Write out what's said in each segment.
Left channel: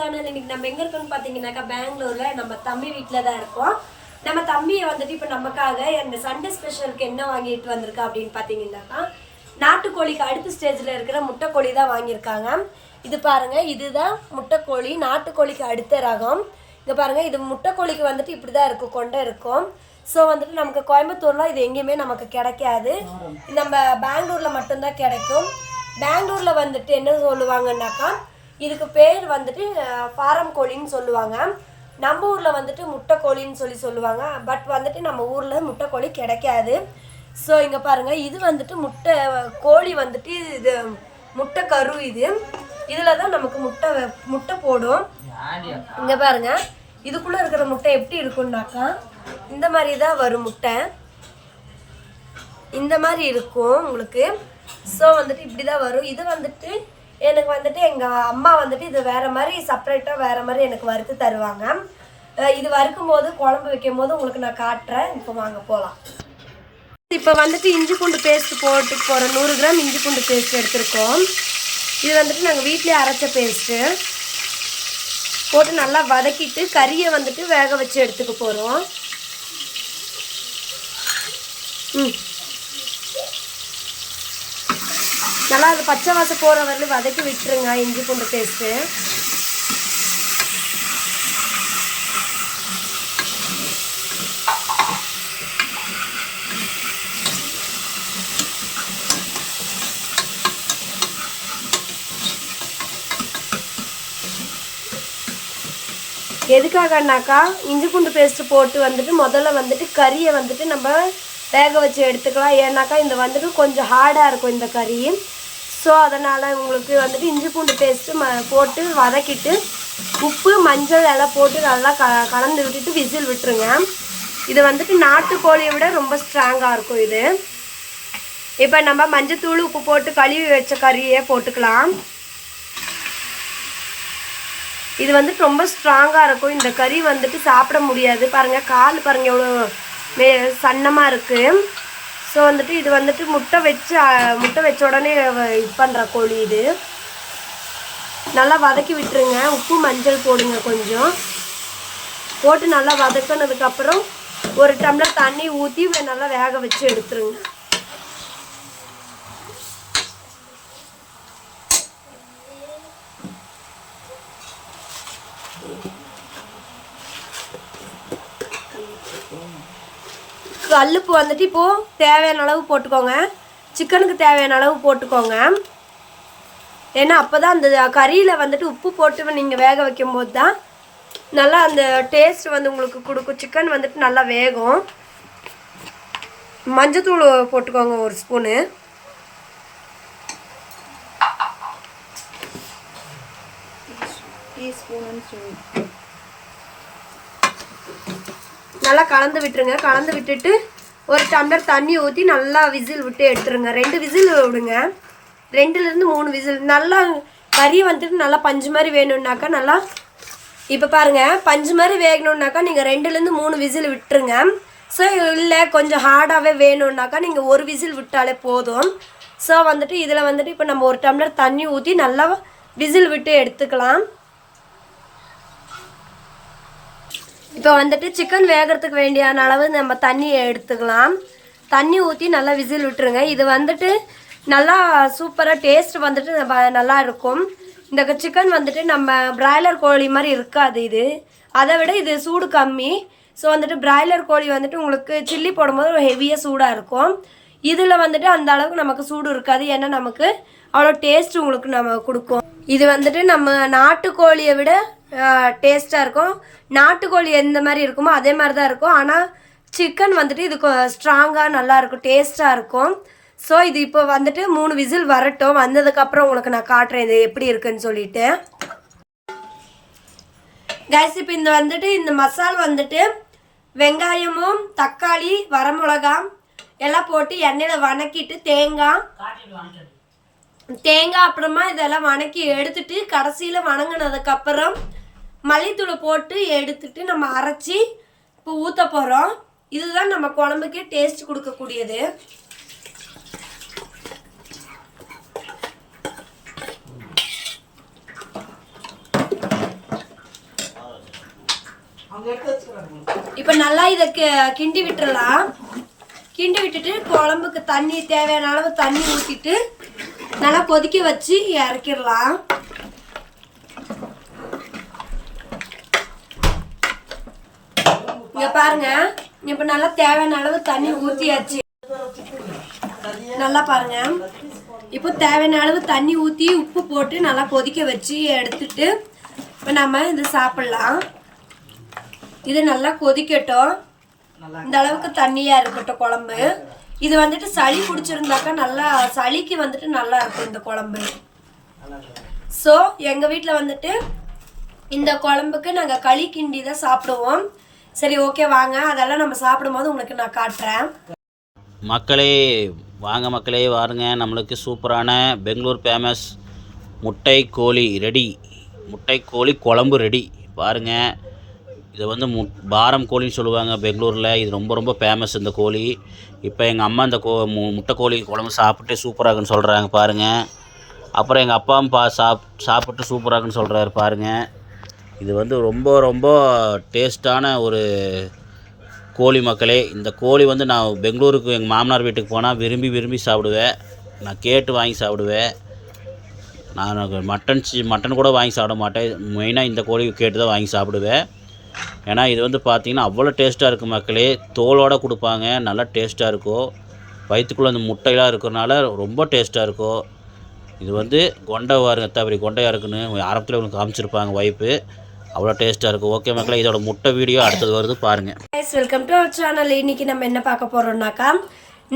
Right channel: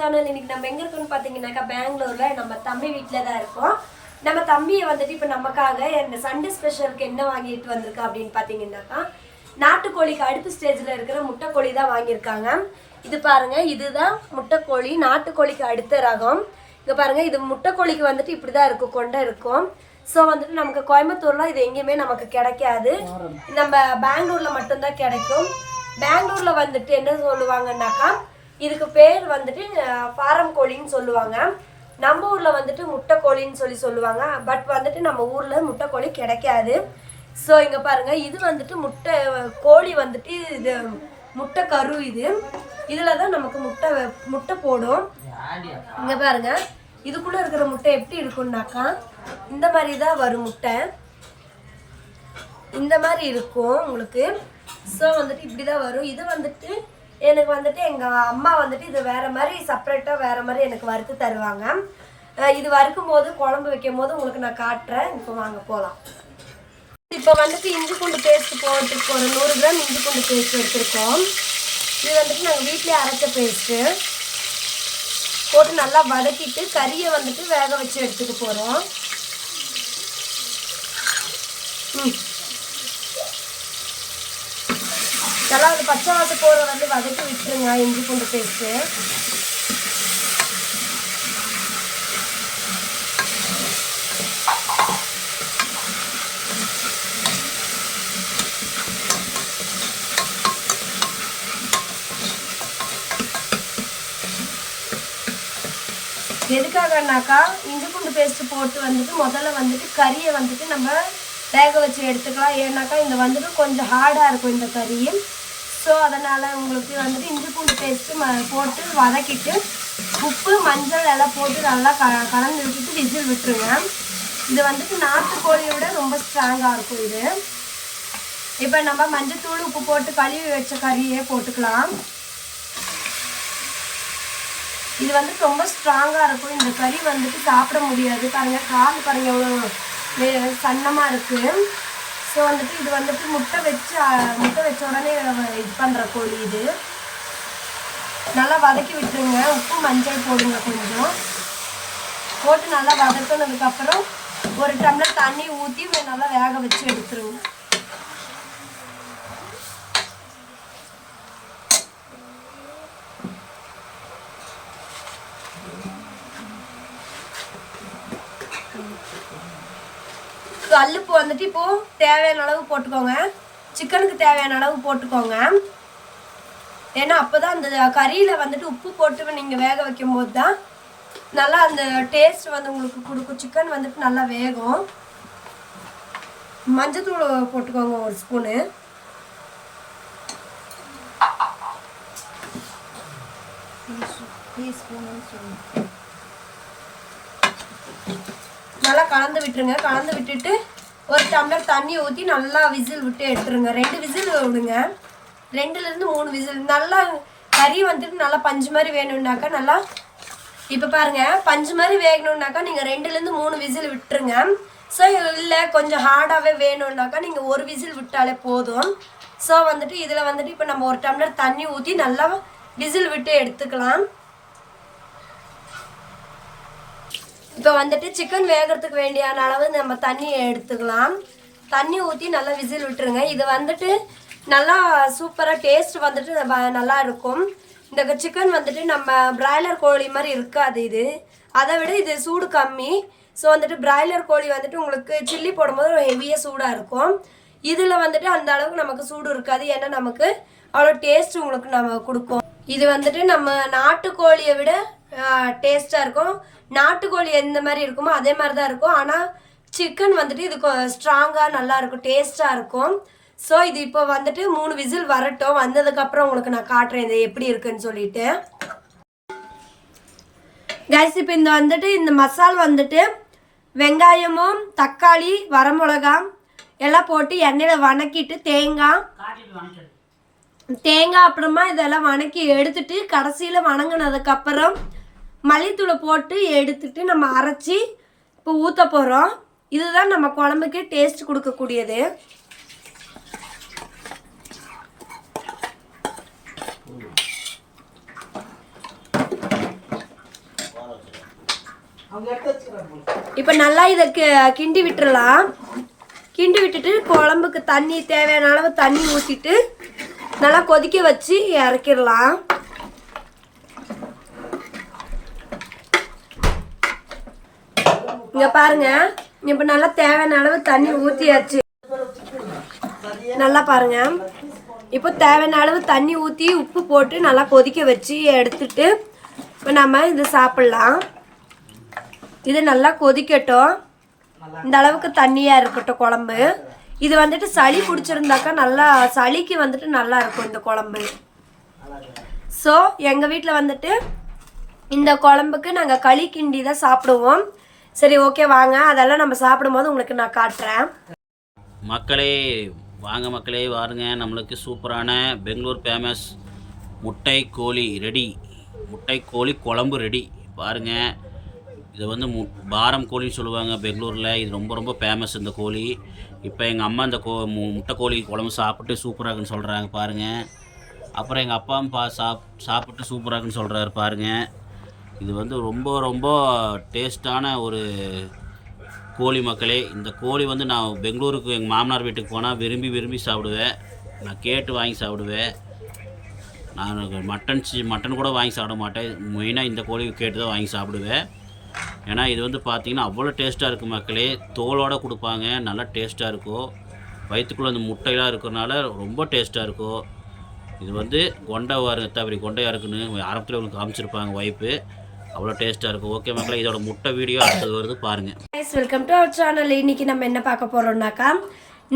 Channel. இன்னைக்கு நம்ம எங்க இருக்கோம்னு பாத்தீங்கன்னாக்கா பெங்களூர்ல நம்ம தம்பி வீட்டில தான் இருக்கோம். நம்ம தம்பியை வந்துட்டு இப்போ நமக்காக இந்த சண்டே ஸ்பெஷலுக்கு என்ன வாங்கிட்டு வந்திருக்கா அப்படின்னு பார்த்தீங்கன்னாக்கா நாட்டுக்கோழிக்கு அடுத்த ஸ்டேஜில் இருக்கிற முட்டைக்கோழி தான் வாங்கியிருக்காங்க. இது பாருங்க, இதுதான் முட்டைக்கோழி, நாட்டுக்கோழிக்கு அடுத்த ரகம். இங்கே பாருங்க, இது முட்டைக்கோழிக்கு வந்துட்டு இப்படி தான் இருக்கும், கொண்டை இருக்கும். ஸோ வந்துட்டு நமக்கு கோயம்புத்தூர்ல இது எங்கேயுமே நமக்கு கிடைக்காது, நம்ம பெங்களூர்ல மட்டும்தான் கிடைக்கும். பெங்களூர்ல வந்துட்டு என்ன சொல்லுவாங்கன்னாக்கா இதுக்கு பேர் வந்துட்டு ஃபாரம் கோழின்னு சொல்லுவாங்க. நம்ம ஊரில் வந்துட்டு முட்டைக்கோழின்னு சொல்லுவாங்க. பட் வந்துட்டு நம்ம ஊரில் முட்டைக்கோழி கிடைக்காது. ஸோ இங்கே பாருங்கள், இது வந்துட்டு முட்டை கோழி வந்துட்டு இது முட்டை கரு. இதில் தான் நமக்கு முட்டை போடும். இங்கே பாருங்கள், இதுக்குள்ளே இருக்கிற முட்டை எப்படி இருக்குன்னாக்கா இந்த மாதிரி தான் வரும் முட்டை, இந்த மாதிரி இருக்கும் உங்களுக்கு. ஸோ வந்துட்டு இப்படி தான் வரும். இது வந்துட்டு எனக்கு வந்துட்டு எங்கள் அம்மா வந்துட்டு இது வேறு மாதிரி செப்பரேட்டாக வேறு மாதிரி எனக்கு வறுத்து தருவாங்க. இது வறுக்கும் போது குழம்பு வைக்கும் போது உங்களுக்கு நான் காட்டுறேன். இப்போ வாங்க போகலாம். இப்போ வந்துட்டு இஞ்சி பூண்டு பேஸ்ட் போட்டு போகிறோம். 100 கிராம் இஞ்சி பூண்டு பேஸ்ட் எடுத்துருக்கோம். இது வந்துட்டு நாங்கள் வீட்டிலே அரைச்ச பேஸ்ட்டு போட்டு நல்லா வதக்கிட்டு கறியை வந்துட்டு வேக வச்சு எடுத்துக்க போகிறோம். நல்லா அது பச்சை வாசம் போகிற வரலும் வதக்கி விட்டுருங்க இஞ்சி பூண்டு பேஸ்ட்டு. எதுக்காகனாக்கா இஞ்சி பூண்டு பேஸ்ட்டு போட்டு வந்துட்டு முதல்ல வந்துட்டு கறியை வந்துட்டு நம்ம வேக வச்சு எடுத்துக்கலாம். ஏன்னாக்கா இந்த வந்துட்டு கொஞ்சம் ஹார்டாக இருக்கும் இந்த கறி. ஸோ அதனால் உங்களுக்கு வந்துட்டு இஞ்சி பூண்டு பேஸ்ட்டு போட்டு வதக்கிட்டு உப்பு மஞ்சள் எல்லாம் போட்டு நல்லா கலந்து விட்டுட்டு விசில் விட்டுருங்க. இது வந்துட்டு நாட்டுக்கோழியை விட ரொம்ப ஸ்ட்ராங்காக இருக்கும் இது. இப்போ நம்ம மஞ்சத்தூள் உப்பு போட்டு கழுவி வச்ச கறியே போட்டுக்கலாம். இது வந்துட்டு ரொம்ப ஸ்ட்ராங்காக இருக்கும். இந்த கறி வந்துட்டு சாப்பிட முடியாது. பாருங்கள், கால் பாருங்கள் எவ்வளோ சன்னமாக இருக்குது. ஸோ வந்துட்டு இது வந்துட்டு முட்டை வச்ச உடனே இது பண்ணுற கோழி. இது நல்லா வதக்கி விட்டுருங்க. உப்பு மஞ்சள் போடுங்க, கொஞ்சம் போட்டு நல்லா வதக்கினதுக்கப்புறம் 1 டம்ளர் தண்ணி ஊற்றி நல்லா வேக வச்சு எடுத்துருங்க. கல்லுப்பு வந்துட்டு இப்போது தேவையான அளவு போட்டுக்கோங்க. சிக்கனுக்கு தேவையான அளவு போட்டுக்கோங்க. ஏன்னா அப்போ தான் அந்த கறியில் வந்துட்டு உப்பு போட்டு நீங்கள் வேக வைக்கும்போது தான் நல்லா அந்த டேஸ்ட் வந்து உங்களுக்கு கொடுக்கும். சிக்கன் வந்துட்டு நல்லா வேகும். மஞ்சத்தூள் போட்டுக்கோங்க 1 ஸ்பூனு. நல்லா கலந்து விட்டுருங்க. கலந்து விட்டுட்டு 1 டம்ளர் தண்ணி ஊற்றி நல்லா விசில் விட்டு எடுத்துருங்க. 2 விசில் விடுங்க. 2லேருந்து 3 விசில். நல்லா கறி வந்துட்டு நல்லா பஞ்சு மாதிரி வேணும்னாக்கா நல்லா இப்போ பாருங்கள், பஞ்சு மாதிரி வேகணுன்னாக்கா நீங்கள் 2லேருந்து 3 விசில் விட்டுருங்க. ஸோ இல்லை கொஞ்சம் ஹார்டாகவே வேணும்னாக்கா நீங்கள் 1 விசில் விட்டாலே போதும். ஸோ வந்துட்டு இதில் வந்துட்டு இப்போ நம்ம 1 டம்ளர் தண்ணி ஊற்றி நல்லா விசில் விட்டு எடுத்துக்கலாம். இப்போ வந்துட்டு சிக்கன் வேகிறதுக்கு வேண்டியான அளவு நம்ம தண்ணியை எடுத்துக்கலாம். தண்ணி ஊற்றி நல்லா விசில் விட்டுருங்க. இது வந்துட்டு நல்லா சூப்பராக டேஸ்ட் வந்துட்டு நல்லா இருக்கும். இந்த சிக்கன் வந்துட்டு நம்ம பிராய்லர் கோழி மாதிரி இருக்காது. இது அதை விட இது சூடு கம்மி. ஸோ வந்துட்டு பிராய்லர் கோழி வந்துட்டு உங்களுக்கு சில்லி போடும்போது ஒரு ஹெவியாக சூடாக இருக்கும். இதில் வந்துட்டு அந்த அளவுக்கு நமக்கு சூடு இருக்காது. ஏன்னா நமக்கு அவ்வளோ டேஸ்ட் உங்களுக்கு நம்ம கொடுக்கும். இது வந்துட்டு நம்ம நாட்டுக்கோழியை விட டேஸ்ட்டாக இருக்கும். நாட்டுக்கோழி எந்த மாதிரி இருக்குமோ அதே மாதிரி தான் இருக்கும். ஆனால் சிக்கன் வந்துட்டு இது ஸ்ட்ராங்காக நல்லாயிருக்கும், டேஸ்ட்டாக இருக்கும். ஸோ இது இப்போ வந்துட்டு 3 விசில் வரட்டும். வந்ததுக்கப்புறம் உங்களுக்கு நான் காட்டுறேன் இது எப்படி இருக்குன்னு சொல்லிட்டு. கைஸ், இப்போ இந்த மசால் வந்துட்டு வெங்காயமும் தக்காளி வரமிளகா எல்லாம் போட்டு எண்ணெயில் வணக்கிட்டு தேங்காய் அப்புறமா இதெல்லாம் வணக்கி எடுத்துட்டு கடைசியில் வணங்கினதுக்கப்புறம் மல்லித்தூளை போட்டு எடுத்துட்டு நம்ம அரைச்சி இப்போ ஊற்ற போகிறோம். இதுதான் நம்ம குழம்புக்கு டேஸ்ட் கொடுக்கக்கூடியது. இப்போ நல்லா இதை கிண்டி விட்டுறலாம். கிண்டி விட்டுட்டு குழம்புக்கு தண்ணி தேவையான அளவு தண்ணி ஊற்றிட்டு நல்லா கொதிக்க வச்சு இறக்கிடலாம். இங்கே பாருங்க, இப்போ நல்லா தேவையான அளவு தண்ணி ஊற்றியாச்சு. நல்லா பாருங்க, இப்போ தேவையான அளவு தண்ணி ஊற்றி உப்பு போட்டு நல்லா கொதிக்க வச்சு எடுத்துட்டு இப்போ நம்ம இது சாப்பிட்லாம். இது நல்லா கொதிக்கட்டும். இந்த அளவுக்கு தண்ணியாக இருக்கட்டும் குழம்பு. இது வந்துட்டு சளி பிடிச்சிருந்தாக்கா நல்லா சளிக்கு வந்துட்டு நல்லா இருக்கும் இந்த குழம்பு. ஸோ எங்கள் வீட்டில் வந்துட்டு இந்த குழம்புக்கு நாங்கள் களி கிண்டி தான் சாப்பிடுவோம். சரி, ஓகே, வாங்க அதெல்லாம் நம்ம சாப்பிடும்போது உங்களுக்கு நான் காட்டுறேன். மக்களே வாங்க மக்களே, வாருங்க. நம்மளுக்கு சூப்பரான பெங்களூர் ஃபேமஸ் முட்டை கோழி ரெடி. முட்டை கோழி குழம்பு ரெடி. பாருங்கள், இது வந்து பாரம் கோழின்னு சொல்லுவாங்க பெங்களூரில். இது ரொம்ப ரொம்ப ஃபேமஸ் இந்த கோழி. இப்போ எங்கள் அம்மா இந்த முட்டை கோழி குழம்பு சாப்பிட்டு சூப்பராகுன்னு சொல்கிறாங்க பாருங்கள். அப்புறம் எங்கள் அப்பாவும் சாப்பிட்டு சூப்பராகுன்னு சொல்கிறாரு பாருங்கள். இது வந்து ரொம்ப ரொம்ப டேஸ்ட்டான ஒரு கோழி மக்களே. இந்த கோழி வந்து நான் பெங்களூருக்கு எங்கள் மாமனார் வீட்டுக்கு போனால் விரும்பி சாப்பிடுவேன். நான் கேட்டு வாங்கி சாப்பிடுவேன். நான் மட்டன் கூட வாங்கி சாப்பிட மாட்டேன். மெயினாக இந்த கோழி கேட்டு தான் வாங்கி சாப்பிடுவேன். ஏன்னா இது வந்து பார்த்திங்கன்னா அவ்வளோ டேஸ்ட்டாக இருக்குது மக்களே. தோலோடு கொடுப்பாங்க, நல்லா டேஸ்ட்டாக இருக்கும். வயிற்றுக்குள்ளே அந்த முட்டையெல்லாம் இருக்கிறனால ரொம்ப டேஸ்ட்டாக இருக்கும். இது வந்து கொண்டையாக இருக்குன்னு ஆரம்பத்தில் உங்களுக்கு காமிச்சிருப்பாங்க வைப்பு. அவ்வளோ டேஸ்ட்டாக இருக்கும். ஓகே மக்களே, இதோட முட்டை வீடியோ அடுத்தது வருது பாருங்கள். Welcome to our channel. இன்றைக்கி நம்ம என்ன பார்க்க போகிறோம்னாக்கா,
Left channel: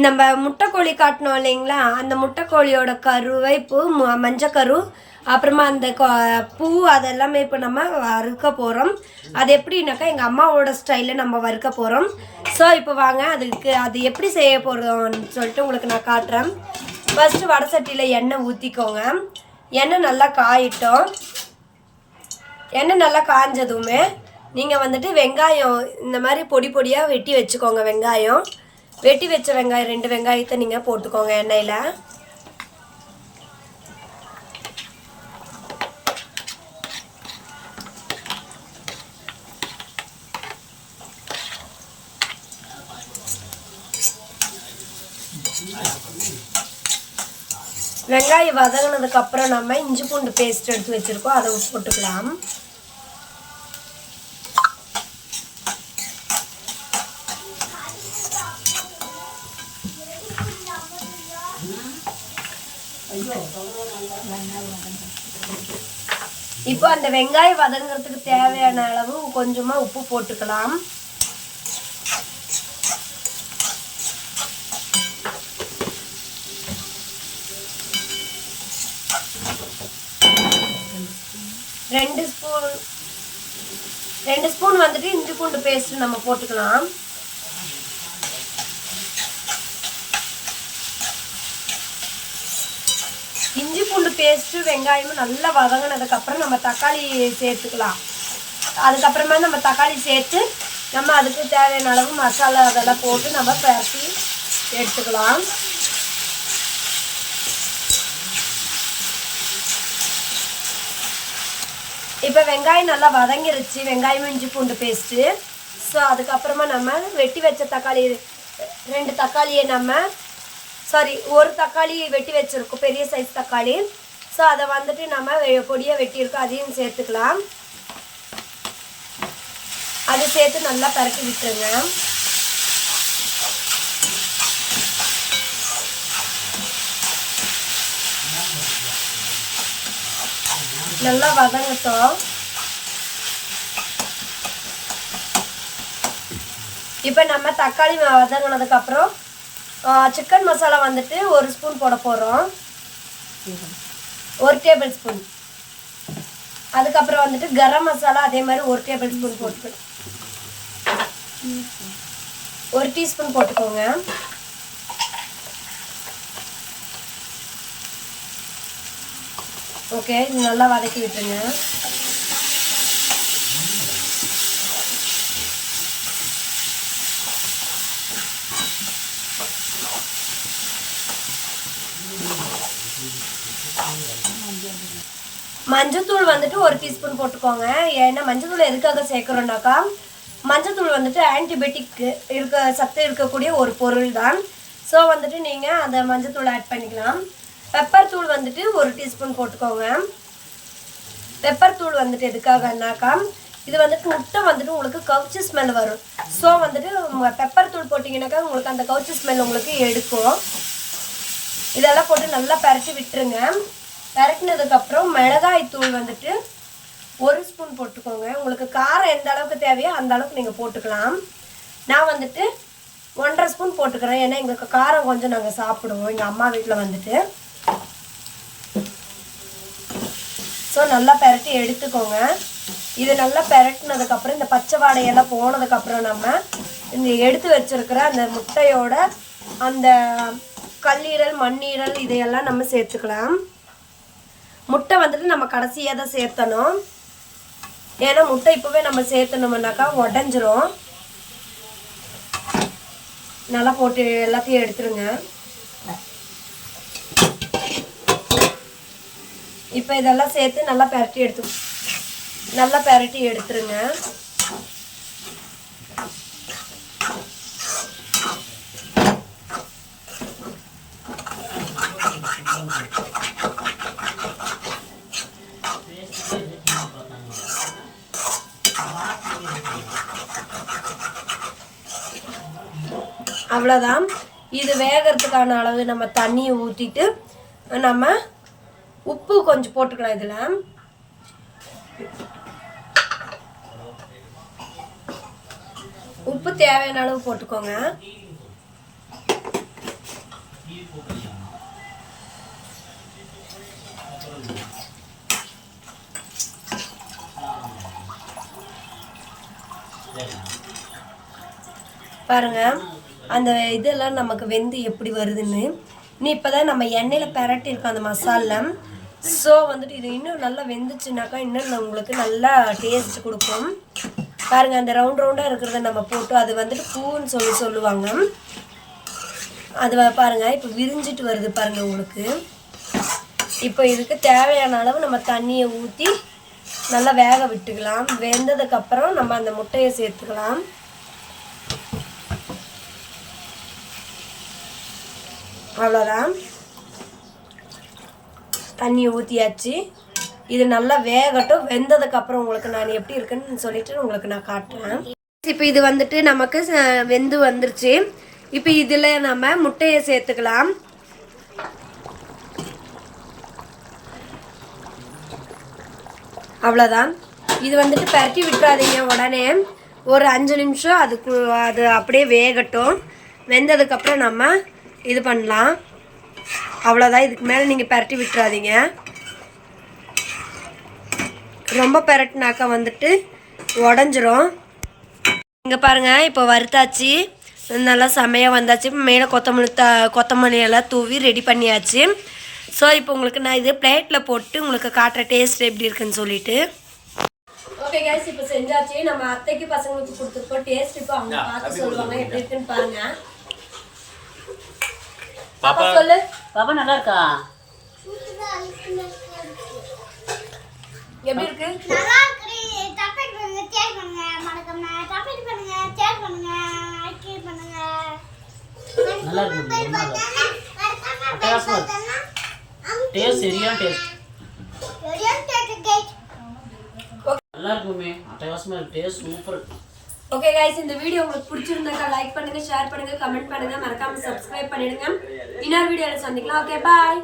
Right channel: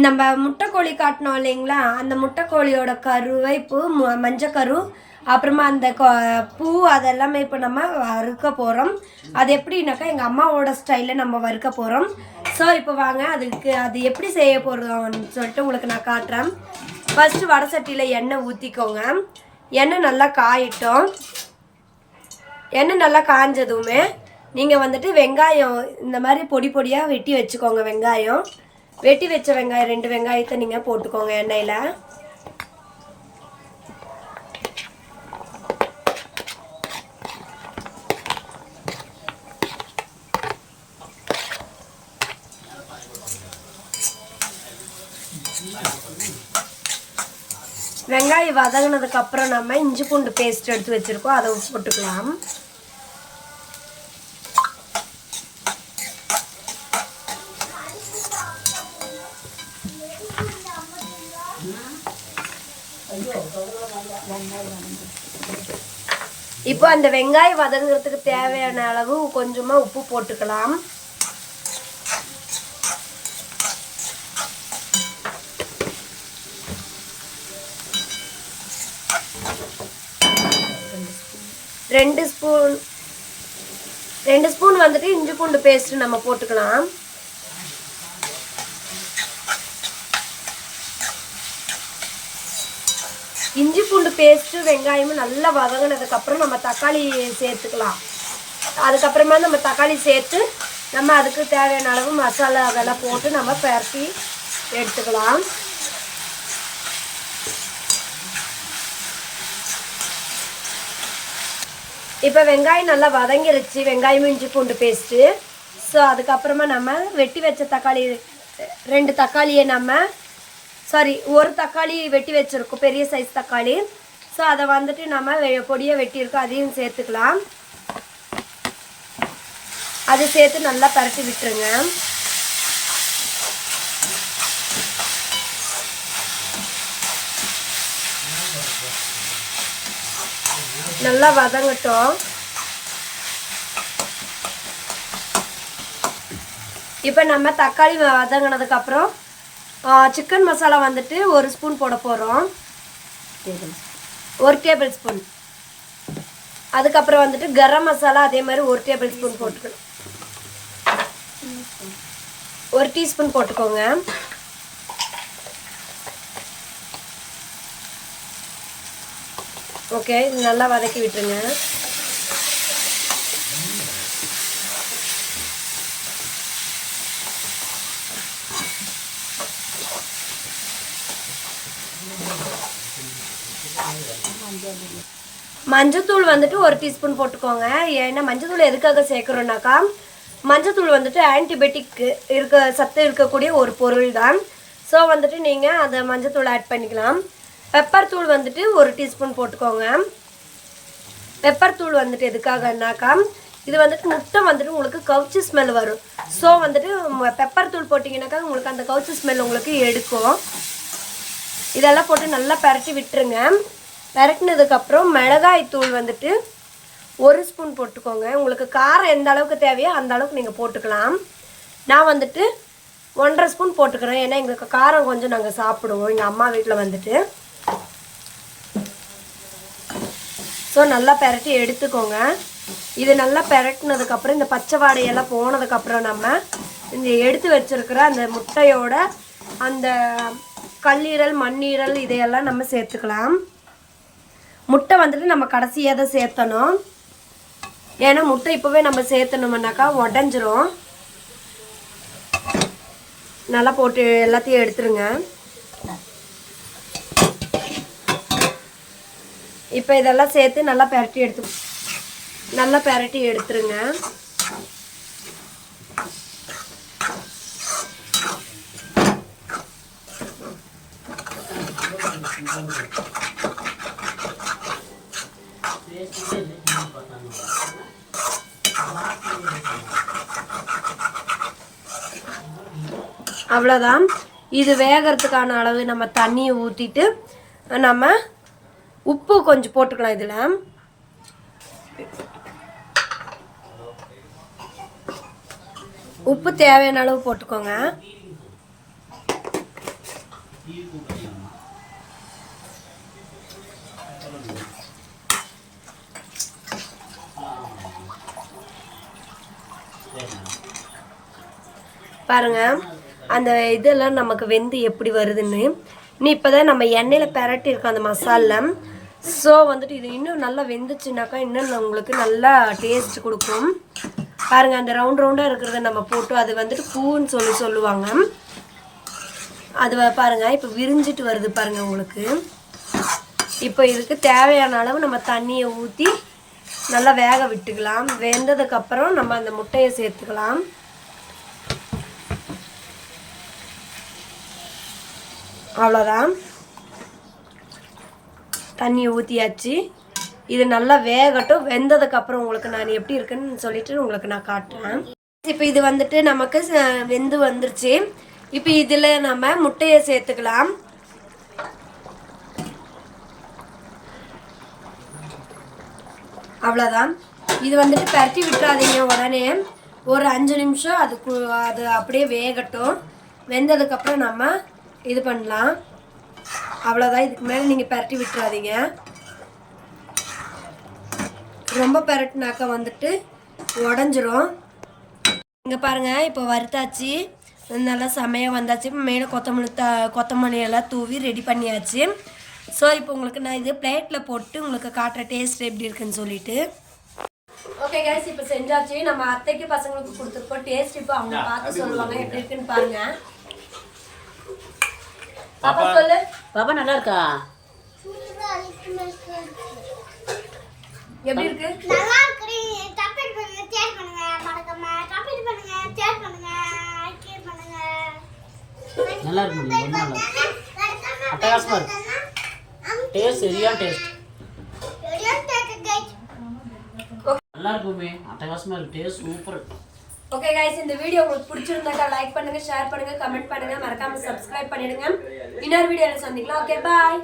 நம்ம முட்டைக்கோழி காட்டினோம் இல்லைங்களா, அந்த முட்டைக்கோழியோட கருவைப்பு மஞ்சக்கரு அப்புறமா அந்த பூ அதெல்லாமே இப்போ நம்ம வறுக்க போகிறோம். அது எப்படின்னாக்கா எங்கள் அம்மாவோட ஸ்டைலில் நம்ம வறுக்க போகிறோம். ஸோ இப்போ வாங்க அது எப்படி செய்ய போகிறோம்னு சொல்லிட்டு உங்களுக்கு நான் காட்டுறேன். ஃபஸ்ட்டு வடை சட்டியில் எண்ணெய் ஊற்றிக்கோங்க. எண்ணெய் நல்லா காயிட்டோம். எண்ணெய் நல்லா காஞ்சதுமே நீங்கள் வந்துட்டு வெங்காயம் இந்த மாதிரி பொடி பொடியாக வெட்டி வச்சுக்கோங்க. வெட்டி வச்ச வெங்காயம் 2 வெங்காயத்தை நீங்கள் போட்டுக்கோங்க எண்ணெயில். வெங்காயம் வதங்கினதுக்கப்புறம் நம்ம இஞ்சி பூண்டு பேஸ்ட் எடுத்து வச்சுருக்கோம், அதை போட்டுக்கலாம். இப்போ அந்த வெங்காயம் வதங்கிறதுக்கு தேவையான அளவு கொஞ்சமாக உப்பு போட்டுக்கலாம். ரெண்டு ஸ்பூன் வந்துட்டு இஞ்சி பூண்டு பேஸ்ட் நம்ம போட்டுக்கலாம். இஞ்சி பூண்டு பேஸ்ட்டு வெங்காயமும் நல்லா வதங்கினதுக்கப்புறம் நம்ம தக்காளி சேர்த்துக்கலாம். அதுக்கப்புறமா நம்ம தக்காளி சேர்த்து நம்ம அதுக்கு தேவையான அளவு மசாலா அதெல்லாம் போட்டு நம்ம பரட்டி எடுத்துக்கலாம். இப்போ வெங்காயம் நல்லா வதங்கிருச்சு, வெங்காயமும் இஞ்சி பூண்டு பேஸ்ட்டு. ஸோ அதுக்கப்புறமா நம்ம வெட்டி வச்ச தக்காளி 2 தக்காளியை ஒரு தக்காளி வெட்டி வச்சுருக்கோம், பெரிய சைஸ் தக்காளி. ஸோ அதை வந்துட்டு நம்ம பொடியாக வெட்டியிருக்கோம், அதையும் சேர்த்துக்கலாம். அதை சேர்த்து நல்லா பரட்டி விட்டுருங்க. நல்லா வதங்கட்டும். இப்போ நம்ம தக்காளி வதங்கினதுக்கப்புறம் சிக்கன் மசாலா வந்துட்டு 1 ஸ்பூன் போட போகிறோம், 1 டேபிள் ஸ்பூன். அதுக்கப்புறம் வந்துட்டு கரம் மசாலா அதே மாதிரி 1 டேபிள் ஸ்பூன் போட்டுக்கணும். 1 டீஸ்பூன் போட்டுக்கோங்க. ஓகே, இது நல்லா வதக்கி விட்டுருங்க. மஞ்சத்தூள் வந்துட்டு 1 டீஸ்பூன் போட்டுக்கோங்க. ஏன்னா மஞ்சத்தூள் எதுக்காக சேர்க்குறோன்னாக்கா மஞ்சத்தூள் வந்துட்டு ஆன்டிபயோட்டிக் சத்து இருக்கக்கூடிய ஒரு பொருள் தான். ஸோ வந்துட்டு நீங்கள் அதை மஞ்சத்தூள் ஆட் பண்ணிக்கலாம். பெப்பர் தூள் வந்துட்டு 1 டீஸ்பூன் போட்டுக்கோங்க. பெப்பர் தூள் வந்துட்டு எதுக்காகனாக்கா இது வந்துட்டு முட்டை வந்துட்டு உங்களுக்கு கவுச்சி ஸ்மெல் வரும். ஸோ வந்துட்டு பெப்பர் தூள் போட்டிங்கனாக்கா உங்களுக்கு அந்த கவுச்சி ஸ்மெல் உங்களுக்கு எடுக்கும். இதெல்லாம் போட்டு நல்லா பரட்டி விட்டுருங்க. பரட்டினதுக்கப்புறம் மிளகாய் தூள் வந்துட்டு 1 ஸ்பூன் போட்டுக்கோங்க. உங்களுக்கு காரம் எந்த அளவுக்கு தேவையோ அந்த அளவுக்கு நீங்கள் போட்டுக்கலாம். நான் வந்துட்டு 1.5 ஸ்பூன் போட்டுக்கிறேன். ஏன்னா எங்களுக்கு காரம் கொஞ்சம் நாங்கள் சாப்பிடுவோம் எங்கள் அம்மா வீட்டில் வந்துட்டு. ஸோ நல்லா பரட்டி எடுத்துக்கோங்க. இது நல்லா பரட்டினதுக்கப்புறம் இந்த பச்சை வாடையெல்லாம் போனதுக்கப்புறம் நம்ம இந்த எடுத்து வச்சுருக்கிற அந்த முட்டையோட அந்த கல்லீரல் மண்ணீரல் இதையெல்லாம் நம்ம சேர்த்துக்கலாம். முட்டை வந்துட்டு நம்ம கடைசியாக தான் சேர்த்தணும். ஏன்னா முட்டை இப்போவே நம்ம சேர்த்தணும்னாக்கா உடஞ்சிரும். நல்லா போட்டு எல்லாத்தையும் எடுத்துருங்க. இப்போ இதெல்லாம் சேர்த்து நல்லா பரட்டி எடுத்துருங்க. அவ்வளோதான். இது வேகிறதுக்கான அளவு நம்ம தண்ணியை ஊற்றிட்டு நம்ம உப்பு கொஞ்சம் போட்டுக்கலாம். இதில் உப்பு தேவையான அளவு போட்டுக்கோங்க. பாருங்க அந்த இதெல்லாம் நமக்கு வெந்து எப்படி வருதுன்னு. இப்போ தான் நம்ம எண்ணெயில் பரட்டியிருக்கோம் அந்த மசாலா. ஸோ வந்துட்டு இது இன்னும் நல்லா வெந்துச்சுனாக்கா இன்னும் உங்களுக்கு நல்லா டேஸ்ட் கொடுக்கும். பாருங்கள் அந்த ரவுண்டாக இருக்கிறத நம்ம போட்டு அது வந்துட்டு பூன்னு சொல்லுவாங்க. அது பாருங்கள் இப்போ விரிஞ்சிட்டு வருது பாருங்கள் உங்களுக்கு. இப்போ இதுக்கு தேவையான அளவு நம்ம தண்ணியை ஊற்றி நல்லா வேக விட்டுக்கலாம். வெந்ததுக்கப்புறம் நம்ம அந்த முட்டையை சேர்த்துக்கலாம். அவ்வளோதான். தண்ணி ஊற்றியாச்சு. இது நல்லா வேகட்டும். வெந்ததுக்கப்புறம் உங்களுக்கு நான் எப்படி இருக்குன்னு சொல்லிட்டு உங்களுக்கு நான் காட்டுறேன். இப்போ இது வந்துட்டு நமக்கு வெந்து வந்துருச்சு. இப்போ இதில் நம்ம முட்டையை சேர்த்துக்கலாம். அவ்வளோதான். இது வந்துட்டு பரட்டி விட்டுறாதீங்க உடனே. ஒரு 5 நிமிஷம் அது அப்படியே வேகட்டும். வெந்ததுக்கப்புறம் நம்ம இது பண்ணலாம். அவ்வளோதான். இதுக்கு மேலே நீங்கள் பரட்டி விட்டுறாதீங்க. ரொம்ப பரட்டினாக்கா வந்துட்டு உடஞ்சிரும். இங்கே பாருங்கள் இப்போ வறுத்தாச்சு. நல்லா செமையாக வந்தாச்சு. மேலே கொத்தமல்லி எல்லாம் தூவி ரெடி பண்ணியாச்சு. ஸோ இப்போ உங்களுக்கு நான் இது பிளேட்டில் போட்டு உங்களுக்கு காட்டுற டேஸ்ட் எப்படி இருக்குன்னு சொல்லிட்டு. ஓகே கைஸ், இப்போ செஞ்சாச்சு. நம்ம அத்தைக்கு பசங்களுக்கு கொடுத்துருக்கோம். டேஸ்ட் இப்போ அவங்க பார்த்து சொல்லுவாங்க எப்படி இருக்குன்னு பாருங்க. பாப்பா சொல்லு. பாப்பா நல்லா இருக்கா? எப்படி இருக்கு? நல்லா இருக்கு. சப்ஸ்கிரைப் பண்ணுங்க, ஷேர் பண்ணுங்க, மறக்காம சப்ஸ்கிரைப் பண்ணுங்க, ஷேர் பண்ணுங்க, லைக் பண்ணுங்க. நல்லா இருக்கு. ரொம்ப நல்லா இருக்கு. அட்டகாசமா இருக்கு. டேஸ்ட் சரியான டேஸ்ட். நல்லா இருக்குமே. அட்டகாசமா இருக்கு. Taste super. ஓகே கைஸ், இந்த வீடியோ உங்களுக்கு பிடிச்சிருந்தாக்கா லைக் பண்ணுங்க, ஷேர் பண்ணுங்க, கமெண்ட் பண்ணுங்க, மறக்காம சப்ஸ்கிரைப் பண்ணிடுங்க. இன்னொரு வீடியோல சந்திக்கலாம். ஓகே, பாய்.